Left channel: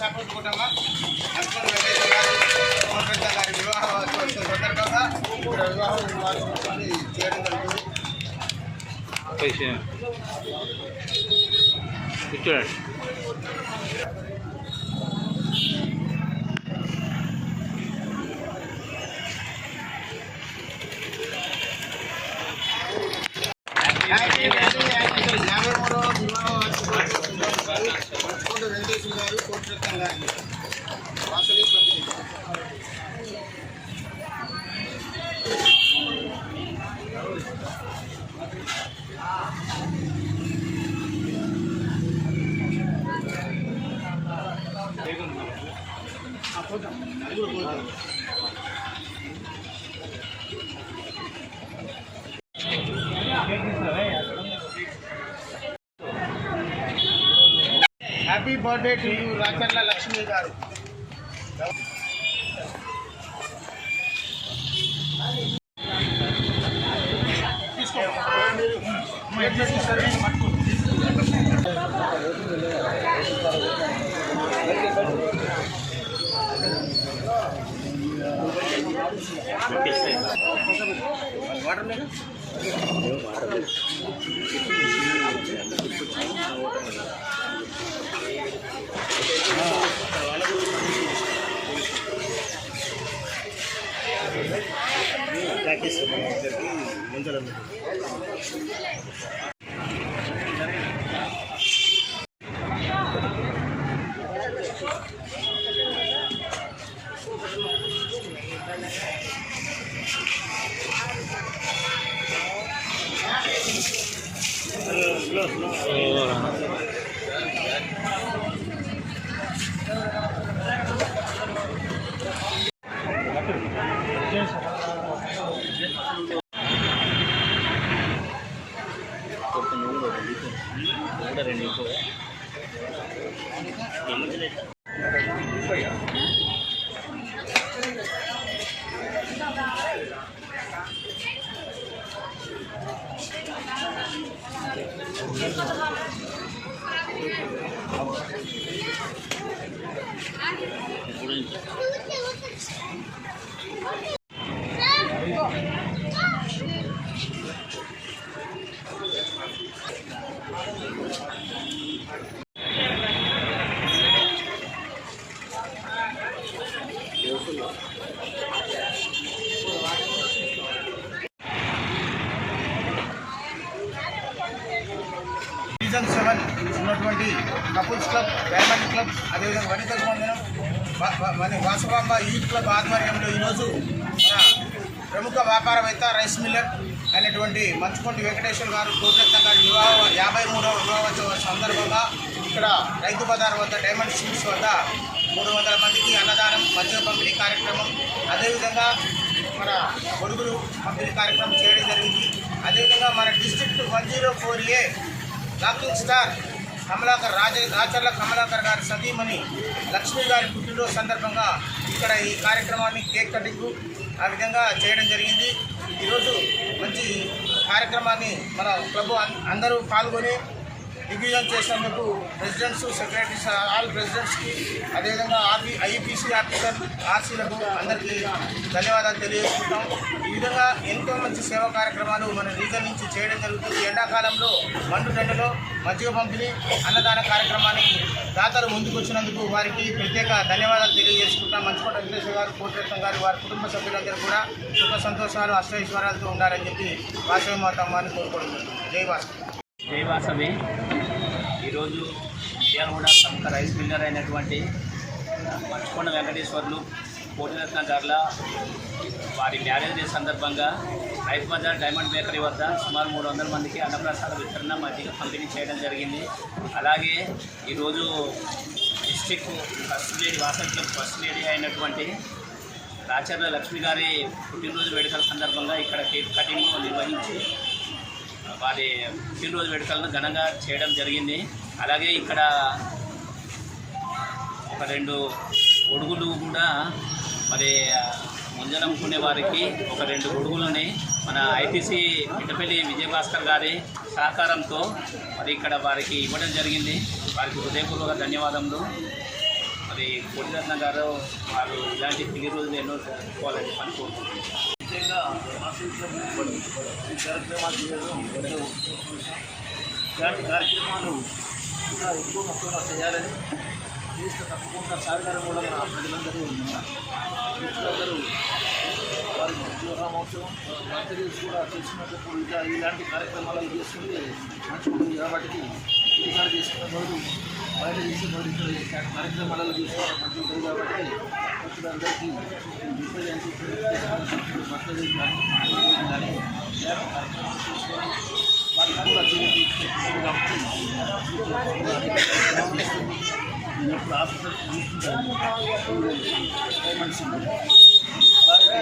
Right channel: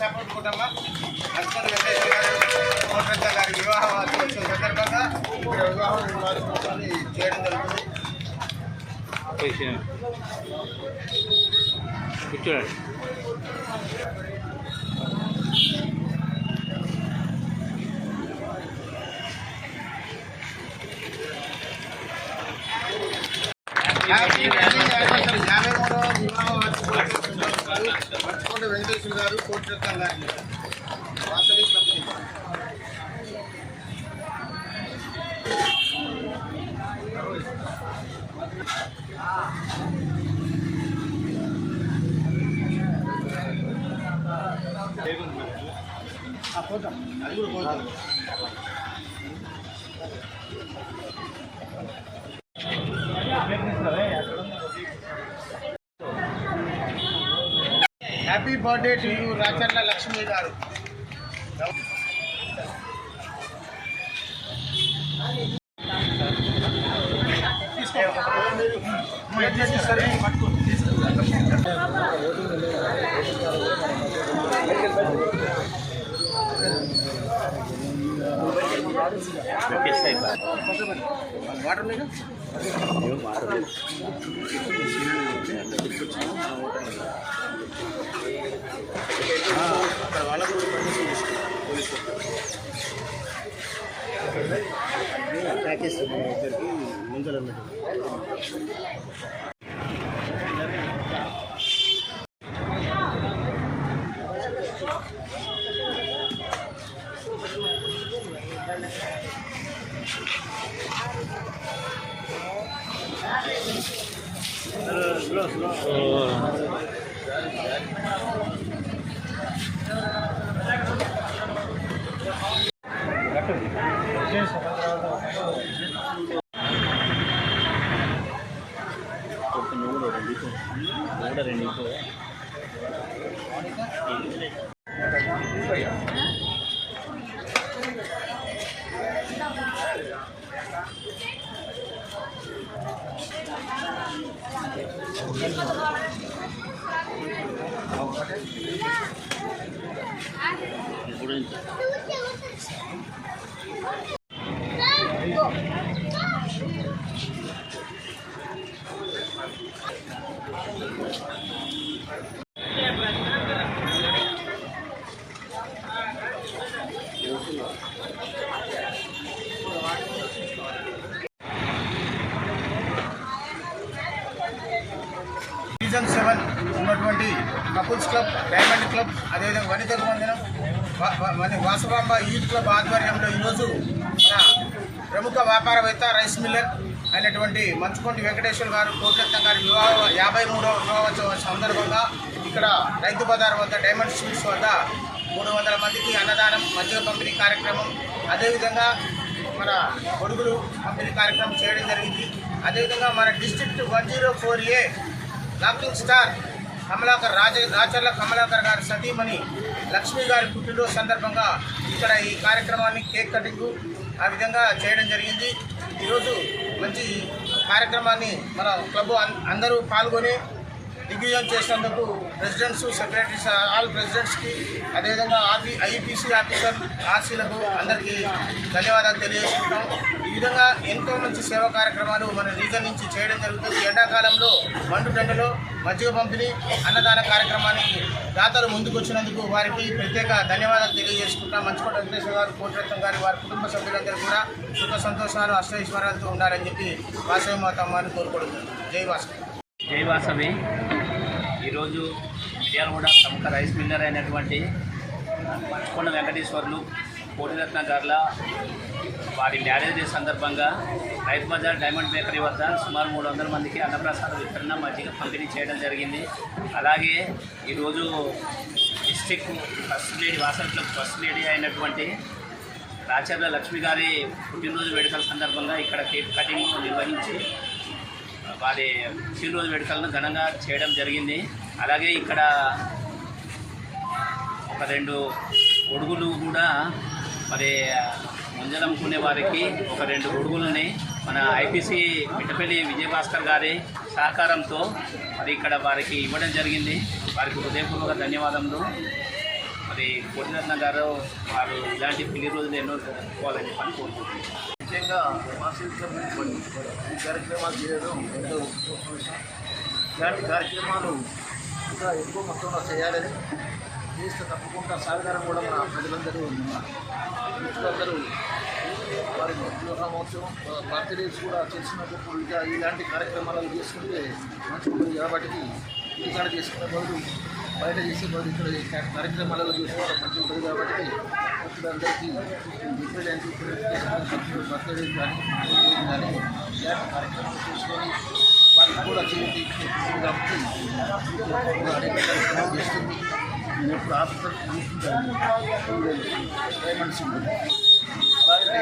Support కుటుంబం husband గారి వివాహం సందర్భంగా వివాహం చేయడం జరుగుతుంది. చూడండి. వెంకటేశ్వర గారు కోటిరత్నం గారిని వాసవి కంపెనీ ఫోటో అది కూడా photo. Happy birthday to you Racharla Lakshmi garu. Season 7 ఉన్నటువంటి కపుల్స్ క్లబ్, డైమండ్ క్లబ్, అదేవిధంగా వనితకు వందనం వాసవాంబ యూత్ క్లబ్ ఆధ్వర్యంలో ఈరోజు మన ప్రముఖ వ్యాపారవేత్త రైస్ మిల్లర్ అయినటువంటి మంచుకొండ వెంకటేశ్వర గారు కోటిరత్నం గారి 53వ వివాహోత్సవ సందర్భంగా ఇక్కడ రైతు బజార్ వద్ద డైమండ్ స్వీట్స్ వద్ద 300 మందికి అన్నదానం, మజ్జిగ పంపిణీ కార్యక్రమం, అదేవిధంగా మన గొడుగులు పంపిణీ కార్యక్రమం చేయడం జరిగింది. అదేవిధంగా మన డిస్ట్రిక్ట్ 104A లాకింగ్ స్టార్ రాచర్ల కమలాకర్ గారి సతీమణి లక్ష్మి గారి పుట్టినరోజు సందర్భంగా ఇక్కడ ఈ కార్యక్రమాన్ని కేక్ కటింగ్ ఆ విధంగా చేయడం జరిగింది. ఈరోజు మంచి కార్యక్రమాన్ని మన క్లబ్ అందరూ పాల్గొని దిగ్విజయం చేసినందుకు ప్రెసిడెంట్స్, సెక్రటరీస్, ఆల్ ప్రెసిడెంట్స్కి, అదేవిధంగా ఐపీసీ ఆఫీసర్ ఆర్సీలకు అందరికీ ధన్యవాదాలు తెలియజేసుకుంటాం. ఈ విధంగా ఎంతో మంచి సేవా కార్యక్రమాలు మన రీజన్ నుంచి చేయడం జరుగుతుంది. ఎండాకాలంలో మండుటెండలో మజ్జిగ పంపిణీ, అన్నదాన కార్యక్రమానికి దాతలు ముందుకు వచ్చినందుకు వారికి ప్రత్యేక ధన్యవాదాలు తెలియజేసుకుంటాం. మంచుకొండ వెంకటేశ్వర గారు, కోటిరత్నం గారు, వారి కుటుంబ సభ్యులందరూ కూడా సుఖ సంతోషాలు, అష్టైశ్వర్యాలతో ఉండాలని చెప్పి వాసవి మాతమ్మని కోరుకుంటున్నాం. జై వాసవి. జై వాసవి. ఈరోజు మిర్యాలగూడ ప్రముఖ రైస్ మిల్లర్ అయినటువంటి మంచుకొండ వెంకటేశ్వర్లు కోటిరత్న గారుల వారి మ్యారేజ్ డే సందర్భంగా రైతు బజార్ డైమండ్ బేకరీ వద్ద సుమారు 300 మందికి అన్నప్రసాద వితరణ, మజ్జిగ పంపిణీ చేయడం జరిగింది. అలాగే ఈరోజు district first lady, Vasavi club first lady అయినటువంటి రాచర్ల లక్ష్మి గారి పుట్టినరోజు వేడుకల సందర్భంగా ఇక్కడ కేక్ కటింగ్ నిర్వహించి వారి పుట్టినరోజు వేడుకలను ఘనంగా చేయడం జరిగింది. అలాగే ఇక్కడ ఒక 2 గొడుగులు కూడా మరి ముంజలమ్ముకునే వారికి ఒక 2 గొడుగులని మన ఐపీసీ మిట్టపల్లి విజయభాస్కర్ గారి సహకారంతో మరి ఇక్కడ వారికి ఇవ్వడం జరిగింది. వారికి హృదయపూర్వక ధన్యవాదములు. మరి కోటిరత్న గారు వారు ఇలాంటి పెళ్లి రోజులు ఎన్నో జరుపుకోవాలని పని కోరుకుంటున్నాను. ముఖ్యంగా ఈ కార్యక్రమాలు చేయడం ఎంతో ఇలాంటి కార్యక్రమాలు ఇంకా ఎక్కువ మొత్తంలో చేయాలని చేస్తే తప్పకుండా సహకారం కూడా మన ప్రజలందరూ మిత్రులందరూ వారి వివాహమోత్సవం బర్త్డేస్ కూడా చేసుకున్నప్పుడు ఇంకా ఇలాంటి కార్యక్రమాలు చేసుకుంటే మంచి ఉంటుంది. కాబట్టి ఇంటికాడ చేసుకున్న బదులు బయట చేసే బదులు ఇక్కడ ఇలాంటి కార్యక్రమాలలో చూసుకోవడం మంచి ఉంటుంది. కాబట్టి మిత్రులందరికీ డిఫరెంట్ బర్త్డే కానీ కానీ ఇలాంటి కార్యక్రమాలు చేసుకొని వాళ్ళకి కూడా చేసి కాబట్టి అనేక కార్యక్రమాలు చేస్తుంది. నేను ఎప్పుడు ఆఫీసర్ చూస్తుంటాను డైమండ్స్ అలాగే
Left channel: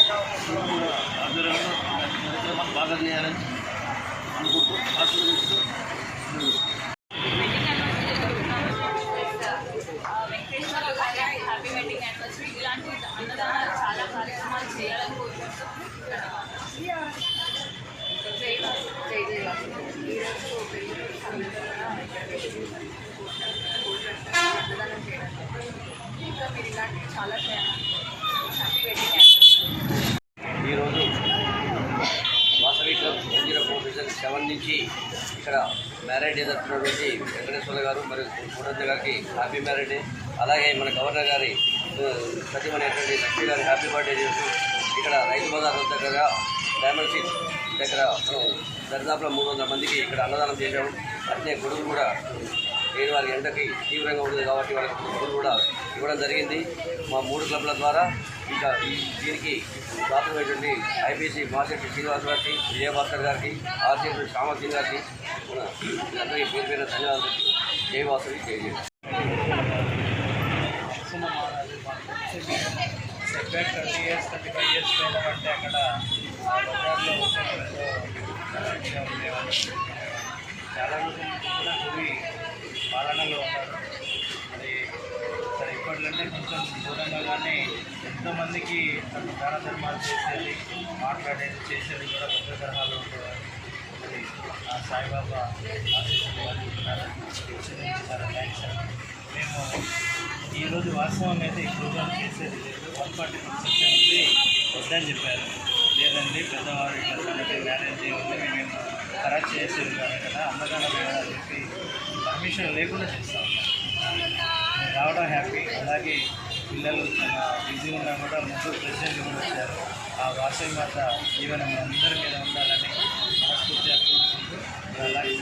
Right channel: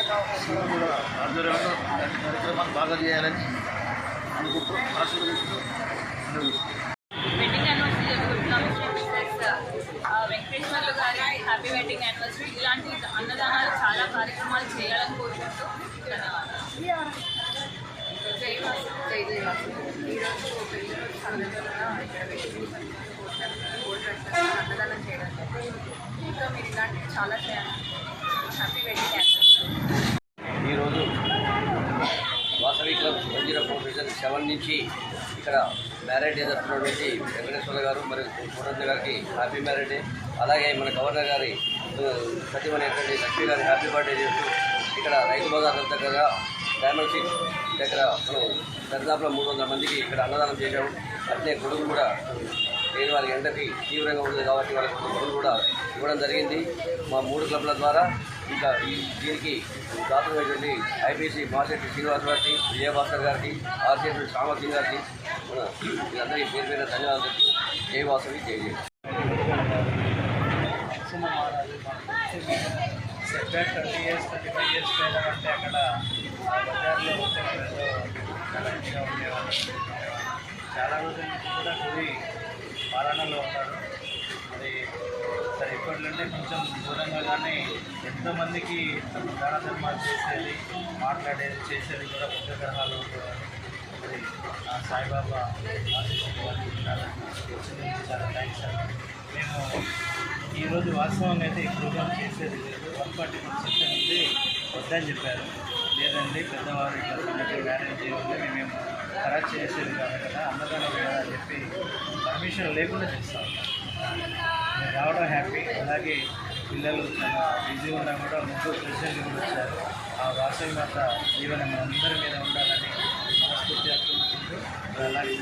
కూడా ఆధ్వర్యంలో ఇలాంటి కార్యక్రమాలు బాగా చేయాలని అనుకుంటూ ఆశీర్వదిస్తూ వెడ్డింగ్ యానివర్సరీ జరుగుతున్నాము. వెంకటేశ్వర్లు గారి హ్యాపీ వెడ్డింగ్ యానివర్సరీ. ఇలాంటి అన్నదానాలు చాలా కార్యక్రమాలు చేయాలని కోరుకుంటూ ధన్యవాదాలు. జై జయవాసు. ఈరోజు పెళ్లి రోజు సందర్భంగా ఇక్కడ అన్నదానం చేయడం. ఇంకా మీరు ఇలాంటివి చాలా చేయాలి. Happy wedding anniversary. ఈరోజు వాసవి క్లబ్ 104 నుంచి ఇక్కడ మ్యారేజ్ డే జరుపుతున్నటువంటి వెంకటేశ్వర గారు మరియు కోటరత్న గారికి హ్యాపీ మ్యారేజ్ డే. అలాగే మన గవర్నర్ గారి సచివమైనటువంటి లక్ష్మీ గారి హ్యాపీ బర్త్డే చేస్తూ ఇక్కడ రైతు బజార్ దగ్గర డైమండ్ సీట్ దగ్గర మనం దరిదాపులో 300 మందికి ఇక్కడ అన్నదానం చేసాము. అట్లే గొడుగులు కూడా లేని వారికి ఎండకి తీవ్రంగా ఉంటుంది కాబట్టి వాళ్ళకి గొడుగులు కూడా ఇవ్వడం జరిగింది. మా 3 క్లబ్ల ద్వారా ఇంకా దీనికి దాతమైనటువంటి ఐపీసీ మాసెట్టి శ్రీనివాస్ గారికి, విజయభాస్కర్ గారికి, ఆర్సీ శ్యామల్ సింగ్ గారికి మన వీళ్ళందరికీ పేరు పేరు ధన్యవాదాలు. జై వాసవి, జై జై. సెట్బ్యాక్ 30 years 35 years పోయినామంటే అక్కడ ఆ బజార్లో ఉండేవాళ్ళు మంచిగా ఉండేవాళ్ళు. చాలా రోజుల నుంచి కూడా గురి పాలనలో ఉన్నారు. మరి సరే ఇప్పట్లంటే కొంచెం దూరంగా కానీ ఎంతోమందికి తమ దాన ధర్మాలు చేసేది, మాట్లాడేది, చేసేది కూడా పెద్ద గ్రహాలు ఉండేవారు. మరి ఆ సాయిబాబా చాలా థ్యాంక్స్ అండి. మేము ఈరోజు వాస్తవంగా అయితే ఈ ప్రోగ్రామ్ చేసేది లేదు. 140% ఉంది వద్దని చెప్పారు. లేదండి పెద్దవారు ఇట్లా సంగతి మ్యారేజ్ చేయవద్దు, మేమేమో ఖరాచ్ చేసేది కాదు కదా, అన్నదానం కదా అని చెప్పి పర్మిషన్ లేకుండా చేస్తాం. మీరు రావడం హ్యాపీ. అలాగే పిల్లలు చాలా బిజీ ఉన్నా కూడా ముగ్గురు ప్రెసిడెంట్ కూడా వచ్చారు. ఆ వాసవి మాత జీవనం అందరి మీద ఉండాలని మనస్ఫూర్తిగా కోరుకుంటూ అలాగే